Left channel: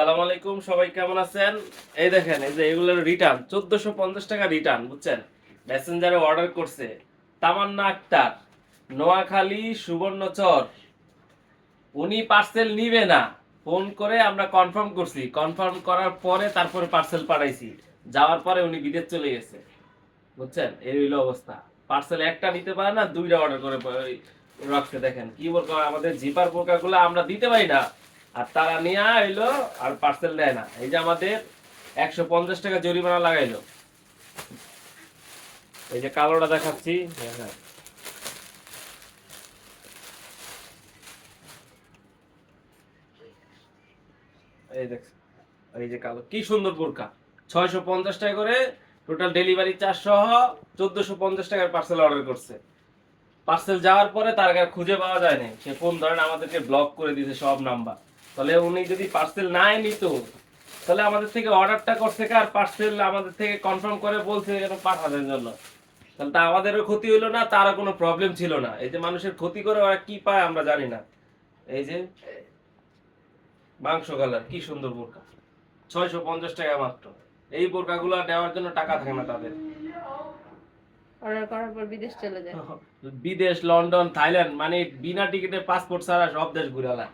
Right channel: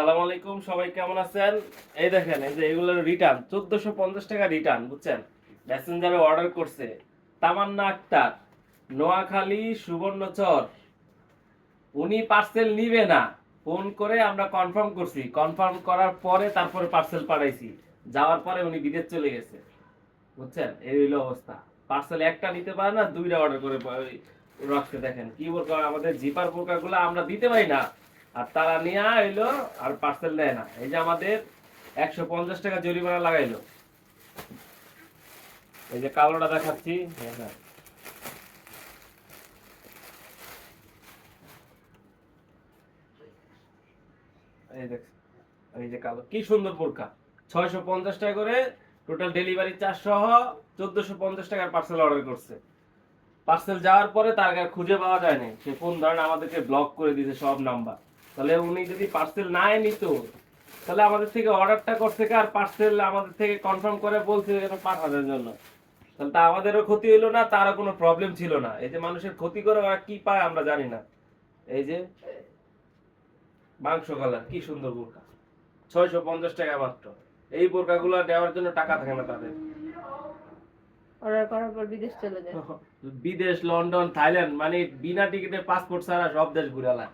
আসসালামু আলাইকুম, সবাই কেমন আছেন? এই দেখেন, এই যে এগুলোর রিটার্ন 1450 টাকা রিটার্ন, বুঝছেন? মেসেঞ্জারে অর্ডার করছে তামান্না আক্তার, নোয়াখালী সুবর্ণচর। উনি পার্সেল নিবে না, ফোন করে আমরা কনফার্ম করছি, কনফার্ম করার পরে তারপরে পার্সেল পাঠাইছি। যাওয়ার পরে উনি বিদেশ চলে গেছে, বুঝছেন? এই হইলো অবস্থা। পার্সেল একটা নিতে পারে না, দুইটা অর্ডার করে রাখছে। দেখেন কি বলবো, আমাদের জিপার পোকাগুলো আমরা দিতে পারি না, আর তারা নিয়ে আইলো আর পার্সেল নেয় না। এই যে আমাদের 150 টাকা জরিমানা লাগাইলো। এই যে কালোটা দেখাচ্ছি, হ্যাঁ, এই দেখ, এই যে কালো কি সুন্দর বোরকা, 650 টাকা করে টোটাল ডেলিভারি চার্জ সহ 1450 টাকার পার্সেল অর্ডার করছে। পার্সেল যাওয়ার পরে তার আর খুঁজে পাওয়া যায় না, সে ফোন ধরেন আমাদেরকে ব্লক করে দিয়েছে সব নাম্বার। তাহলে উনি যদি পার্সেল নাই নিত, তাহলে আমাদের থেকে অর্ডারটা করছে আর পার্সেল আমাদের থেকে কনফার্ম করে বলছে এরকম পাঠানোর জন্য, তাহলে তা আমাদেরও ক্ষতি হইলো না, তারও কোনো প্রবলেম ছিল না। এই যে মানুষের ক্ষতি করে ওরা কি পায় আমরা জানি না। এই যে মাংস কালার কি সুন্দর বোরকা, 650 টাকা মাত্র। এই বোরকাগুলো নেওয়ার জন্য টাকা থাকে না তাদের। অর্ডার করার পর বিদেশ চলে যায়। বিদেশ, লন্ডন, থাইল্যান্ড, মানে বিনা টিকিটে পাসপোর্ট ছাড়া সব দেশ ঘুরালা।